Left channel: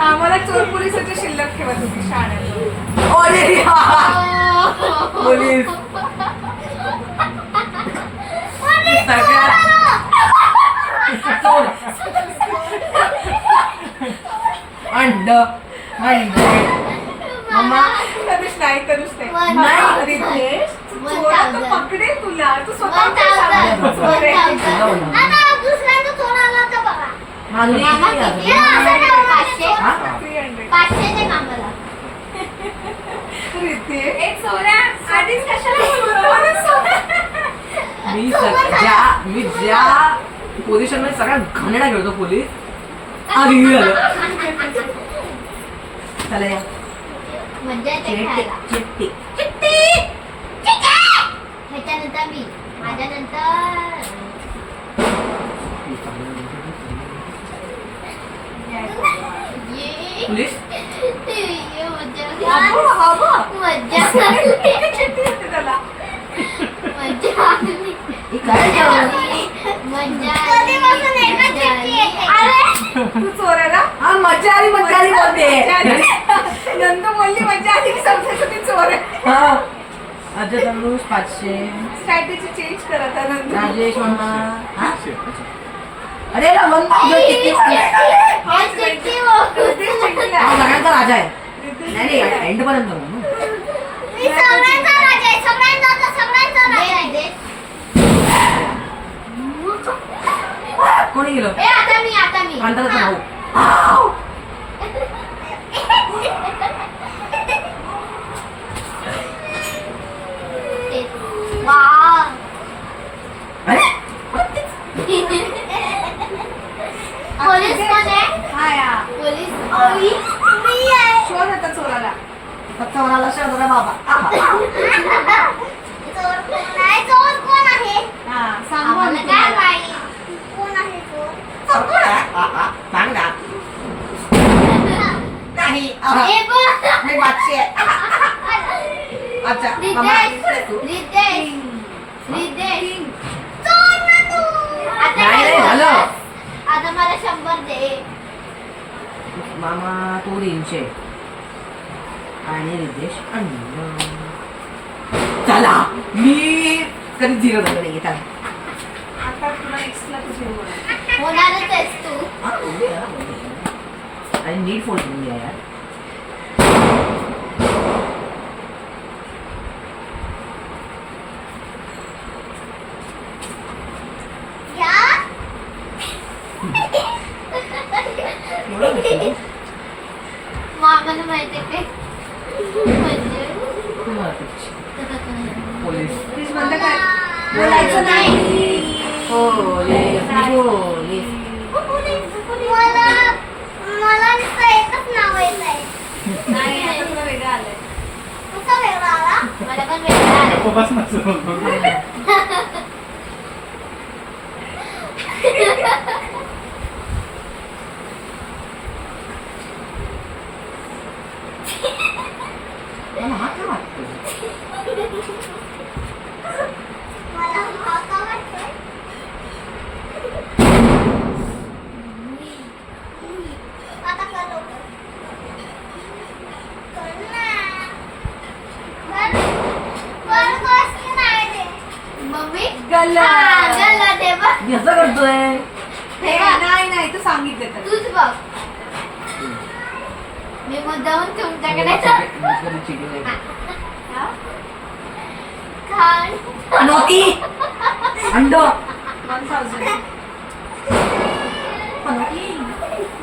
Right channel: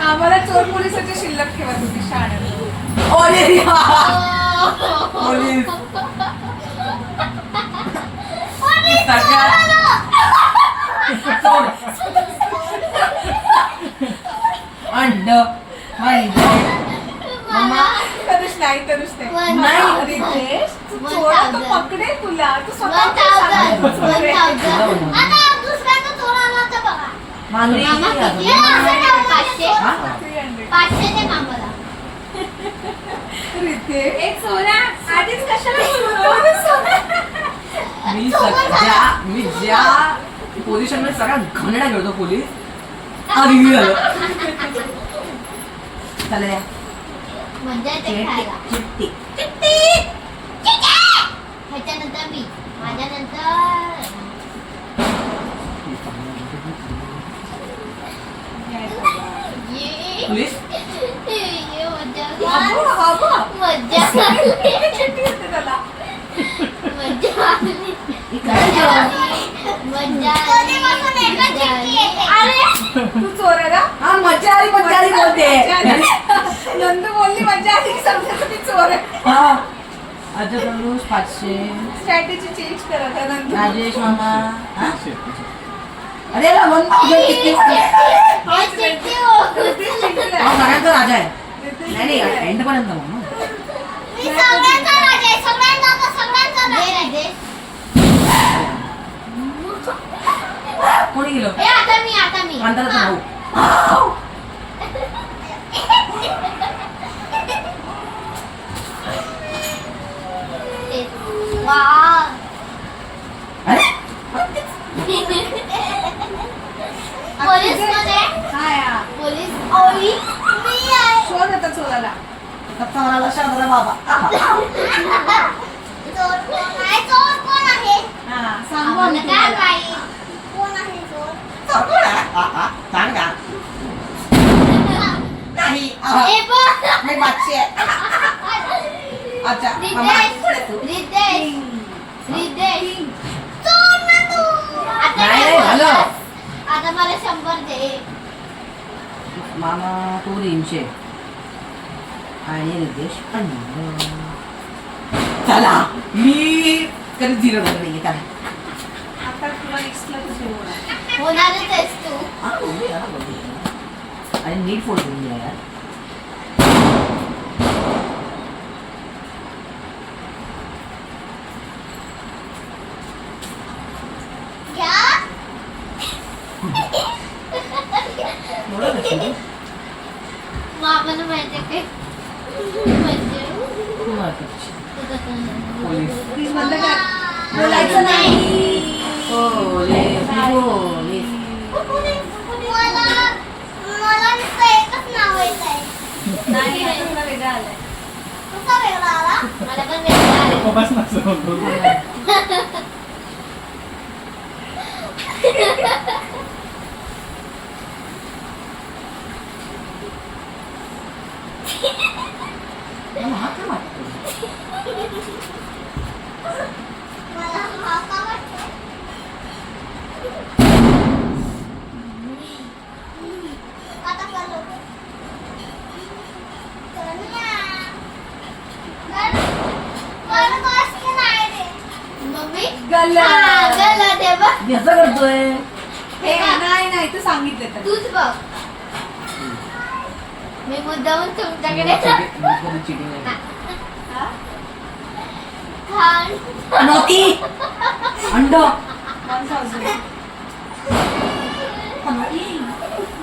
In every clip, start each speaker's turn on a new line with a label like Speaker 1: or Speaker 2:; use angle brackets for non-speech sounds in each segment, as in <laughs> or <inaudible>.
Speaker 1: आम्हाला चोर पोलिसाच्या शिल्लक ठेवा तुम्ही शाळेत.
Speaker 2: पोलीस. अंड अंड. मम्मा
Speaker 1: कधीच नाही कधीच नाही. रितेश. पकडे तुला. तू स्वतः
Speaker 3: मामा
Speaker 2: किती?
Speaker 3: पाचशे
Speaker 2: हा?
Speaker 1: 300.
Speaker 3: पाचशे दे मामाला
Speaker 1: रितेश
Speaker 4: आधीच कशाला <laughs>
Speaker 2: मी सग- ज्या मी ज्या पोझिशनमध्ये सगळ्यात घाणेरडा खेळतो पोलीस आधी झालं. चला या.
Speaker 3: खेळायला
Speaker 2: चिट्टी
Speaker 3: ह्याच्यानंतर मी माझ्यानंतर
Speaker 2: पोलीस
Speaker 3: ये मजा आली.
Speaker 2: काय?
Speaker 3: मजा आली.
Speaker 1: तू
Speaker 2: हा मजा मजा बोलते
Speaker 1: नंदू बोलली मजा आली की समजायचं मी चोर आहे
Speaker 2: हा तनुष पाचशे
Speaker 1: स्ट्रॅटेजी चेंज करा आता
Speaker 2: राजेश मामा? अरे ला वन सगळ्यांचा राजा आहे. नाही नाही एंड पर्यंत. कोणी गेलो?
Speaker 3: ए, आता मी आता मी.
Speaker 2: अंतराचा भाऊ.
Speaker 3: पोलीसमध्ये
Speaker 1: हा.
Speaker 3: पोलीस ओळी मी आहे.
Speaker 1: शोध आता चोराला.
Speaker 2: लक्षात आलं बाबा. <laughs>
Speaker 3: चोर कोण आहे चोर कोण आहे?
Speaker 1: हा सांगू आम्ही
Speaker 3: काय. माहीत? कोण आहे चोर?
Speaker 2: सांग ना. नाही
Speaker 3: ए, बघ.
Speaker 2: मी पाचशे अच्छा.
Speaker 3: रितेश रितेश. रितेश. चोर ना तू. आता
Speaker 2: नाही झालं.
Speaker 3: बोललास? आता मला शंभर दे
Speaker 2: मामा तो तीनशे आणि रितेश अन्न चला मी कधी झिरो झाले नाही चला.
Speaker 3: होणारच आहेस तू.
Speaker 2: हा, नीट फोल्ड करून घ्या यार. नसेल. <laughs>
Speaker 3: मामाला माहिती आहे?
Speaker 2: पोलीस. बोलायचं नाही. पोलीस.
Speaker 3: मला मला नुसतं एकच नाव येत आहे
Speaker 1: नाही. तुला वेगळं आलंय.
Speaker 3: नुसतं वेगळा आला? मला पण वेगळा आला
Speaker 5: बस नसेल
Speaker 2: मला हा का वाटतो
Speaker 3: मला हा का वाटतोय आता कर लवकर. कर ना. कर. कर बस की नाही रे? मम्मी
Speaker 1: गल्ला.
Speaker 3: हा, गल्ला दे बघ.
Speaker 2: कसं करतोय
Speaker 1: हे नाही सांगितलं तर.
Speaker 3: तूच बघ. मी मुद्दाहून तुमच्याकडे? खान.
Speaker 2: नोती अंड.
Speaker 1: वन थाउजंड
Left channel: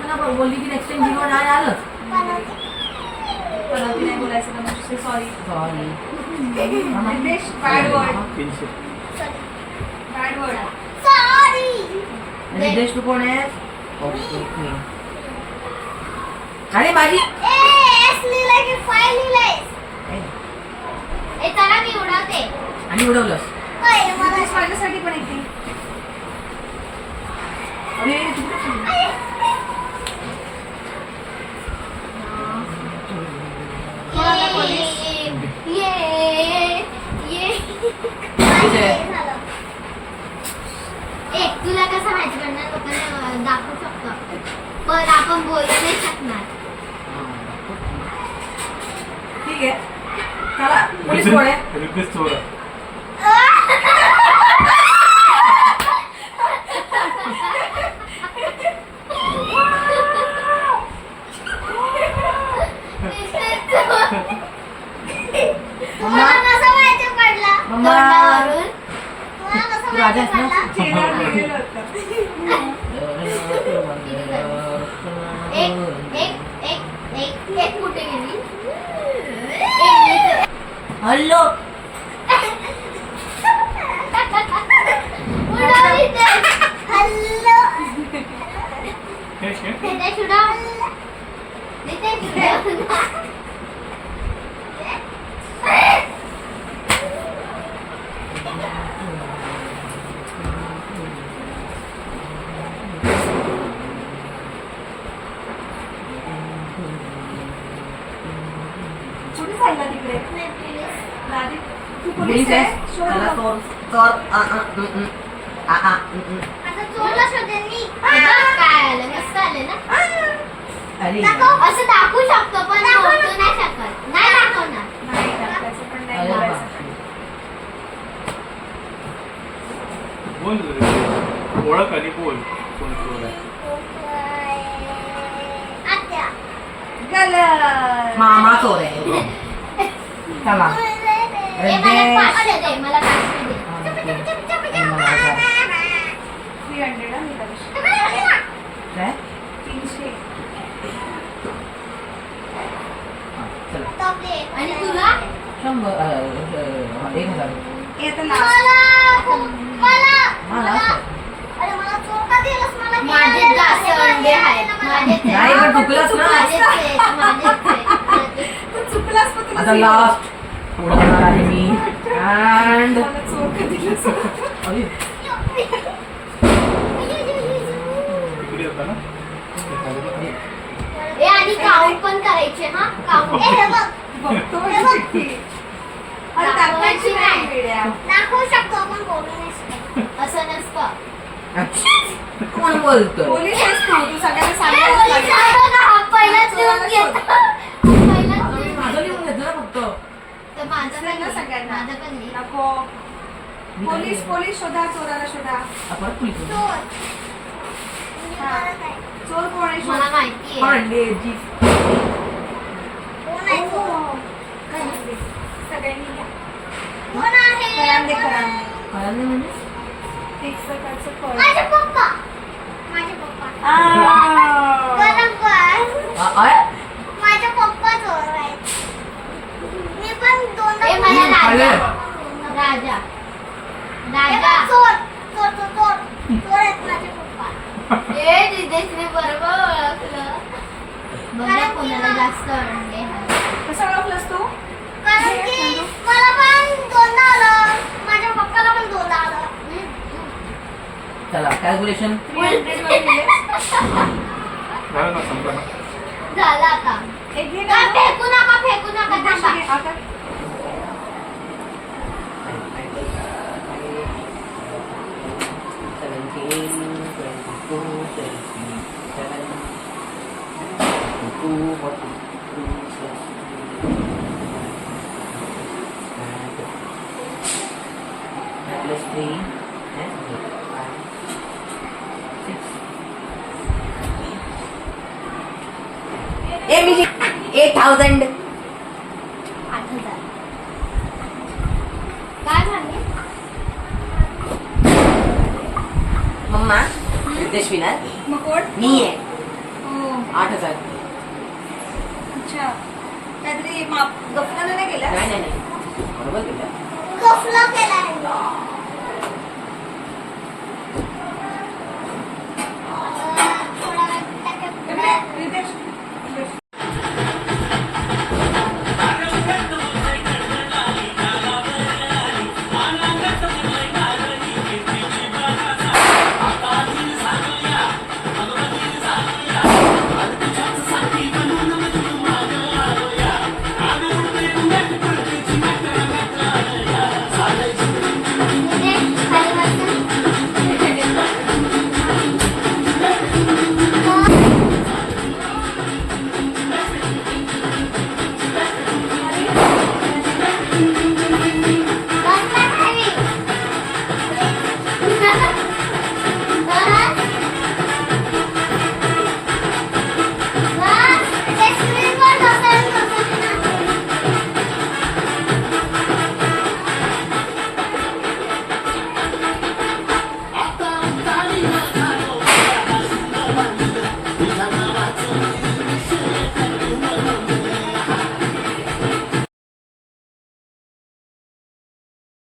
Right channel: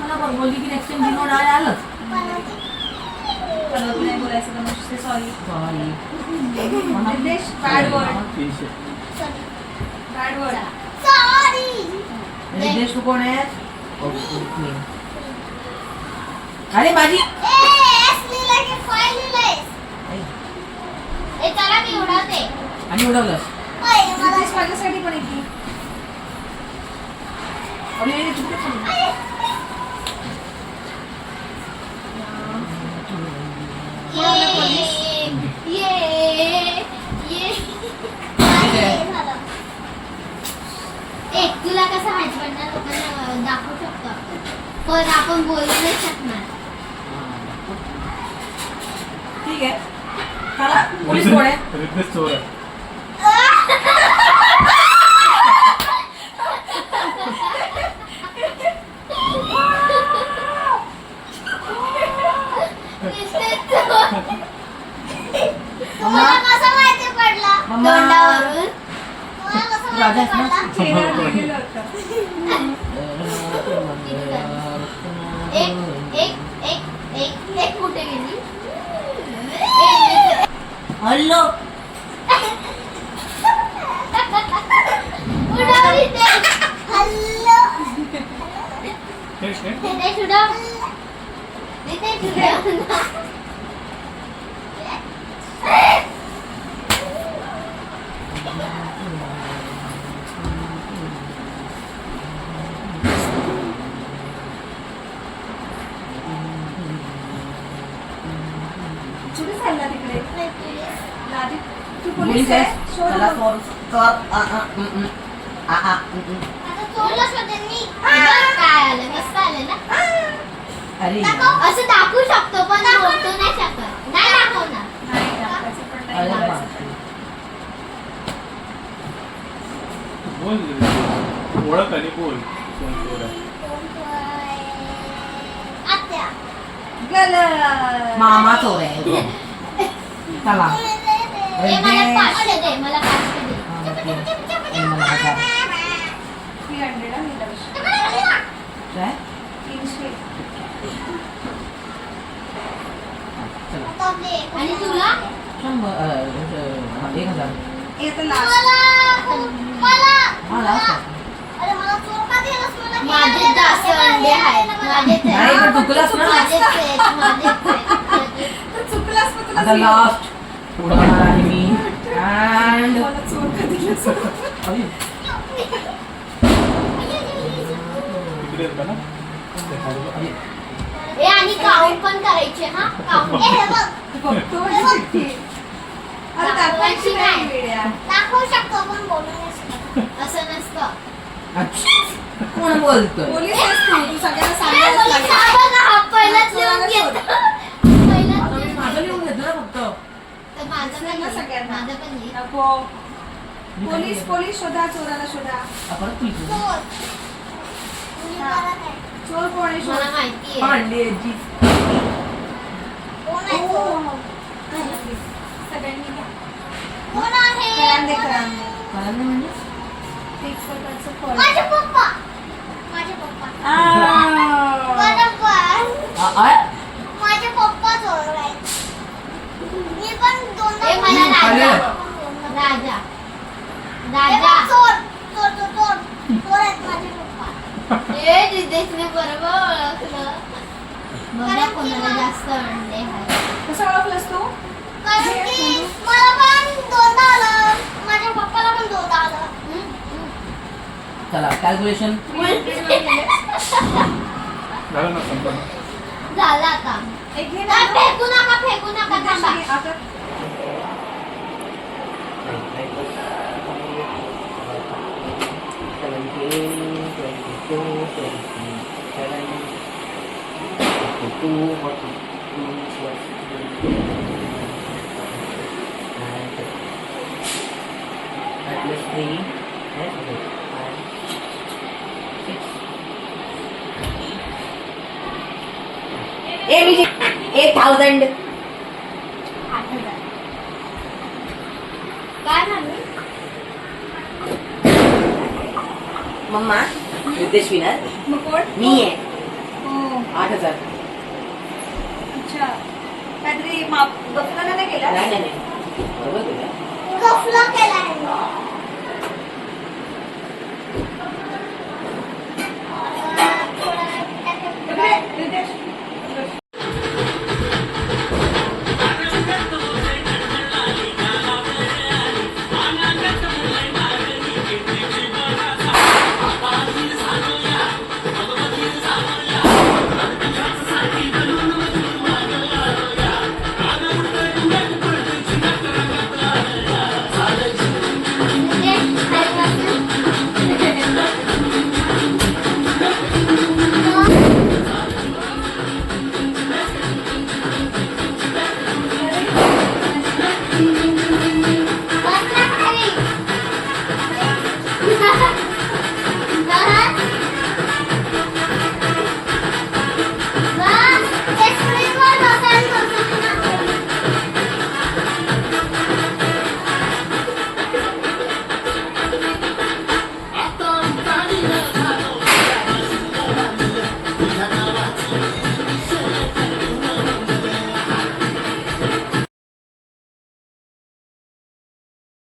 Speaker 2: मला बघ बोलली की नेक्स्ट टाइम झिरो नाही आलं.
Speaker 1: पनवती नाही बोलायचं मग sorry
Speaker 2: sorry
Speaker 1: bad word word
Speaker 2: कोण आहे अरे माझी. आणि उडवलंस.
Speaker 3: पहिले मला
Speaker 1: रितेश माझ्यासाठी पण येते
Speaker 2: अरे.
Speaker 3: हे तुला कसं माहिती पडणार? लोकांना दाखवू शकतो आपण पण आपण बोलू नाही शकणार.
Speaker 2: ठीक आहे. चला पोलीस कोण आहे?
Speaker 5: रितेश चोर आहे.
Speaker 3: तुम्हाला कसं माहिती पडला?
Speaker 2: मम्मा.
Speaker 3: तोंडावरून. तुम्हाला कसं
Speaker 2: तू राजा ना?
Speaker 1: चेहरा होतं.
Speaker 3: एक एक एक एक एक कुठे गेली एक इथे.
Speaker 2: हॅलो
Speaker 3: उडवली ते. हल्लो.
Speaker 5: हे शे
Speaker 3: रितेश उडव. रितेश उडव.
Speaker 1: कुठे चालला तिकडे. तू
Speaker 2: पोलीस आहे?
Speaker 1: शोध.
Speaker 2: चोर चोर.
Speaker 3: आता चोरला शोधेन काय आलं? मस्त आलं ना?
Speaker 2: अरे.
Speaker 3: असं दाखवू शकतो पण बोलतो नाही शकत नाही दाखवणार.
Speaker 1: नाही दाखवायचं पण नाही
Speaker 2: अरे
Speaker 1: बोलायचं.
Speaker 2: बापरे.
Speaker 5: बोल ओळख आली बोल. कोण चोर आहे
Speaker 3: आत्या.
Speaker 1: गलत.
Speaker 2: मामा चोर आहे. <laughs> चला. आणि मला हजार.
Speaker 1: 300 मी लक्ष.
Speaker 2: काय?
Speaker 1: तीनशे.
Speaker 2: चला.
Speaker 3: आणि तुला?
Speaker 2: शंभर एक हजार.
Speaker 1: आता
Speaker 3: माझे जास्त अंडे आहेत. माझे
Speaker 2: नाही पण ना. लास्ट बघणार आहे मी अँड
Speaker 3: आणि काउंट पण करायचे हा? काउंट हे बघ.
Speaker 1: बघतो.
Speaker 3: दाखवू शकतो पण बोलू नाही शकत. असं नसतं.
Speaker 2: कोण
Speaker 1: पोलीस आहेस तू सगळ्यांना
Speaker 3: हा पहिलाच लिहून घेतो.
Speaker 2: माझं. लिहून फक्त.
Speaker 3: तर माझं पण
Speaker 1: ना. सगळ्यांना?
Speaker 3: माझं पण लिह.
Speaker 1: नको
Speaker 2: मी
Speaker 1: पोलीस पोलीस शोधा चोराला शोधा?
Speaker 2: परत.
Speaker 3: चोर.
Speaker 1: हा.
Speaker 3: मला काय?
Speaker 1: चोर कोण आहे
Speaker 3: मला
Speaker 1: शोध.
Speaker 3: माहिती आहे
Speaker 2: पांडेजी
Speaker 3: कोण आहे
Speaker 1: ओ,
Speaker 3: चोर?
Speaker 1: करांदे. सगळ्यांनी घ्या.
Speaker 3: कोण आहे
Speaker 1: करांदे
Speaker 3: कोण आहे?
Speaker 1: करांदे
Speaker 2: कळलं नाही म्हणजे
Speaker 1: एक प्रकारचं फळ
Speaker 3: माझे पप्पा माझे पप्पा
Speaker 1: आ.
Speaker 3: बरोबर
Speaker 2: आ, आ,
Speaker 3: माझे पप्पा चोर आहेत मी पण दोनदा
Speaker 2: ए, मला राजा.
Speaker 3: राजा. राजा. चोर चोर चोर चोर चोर आहेत माझे पप्पा. ए रिदेशने बरोबर ओळखलं. बघा कोणाला जास्त अंडे
Speaker 1: कसं ओळखलंस तू?
Speaker 3: कारण
Speaker 1: हे
Speaker 3: की
Speaker 1: संदू.
Speaker 3: मला पण दोनदा आलं. माझ्या पप्पाला पण दोनदा आलं.
Speaker 2: चला कॅल्क्युलेशन
Speaker 1: 300 वर गेले.
Speaker 5: झालं ना संपलं ना
Speaker 3: झालं आता.
Speaker 1: एक घे
Speaker 3: काय
Speaker 1: ना.
Speaker 3: फेकू नका फेकू नका
Speaker 1: विदेशी
Speaker 3: थांबा.
Speaker 1: घे. आता
Speaker 2: एट थाउजंड
Speaker 3: आठ हजार. काय म्हणू
Speaker 2: मम्मा रितेश विनर
Speaker 1: मुकुट
Speaker 2: मी आहे
Speaker 1: हो.
Speaker 2: आठ हजार
Speaker 1: अच्छा काहीतरी माप गफला नाही ना केला?
Speaker 2: नाही नाही नाही. बरोबर केलं.
Speaker 3: गफला केलाय.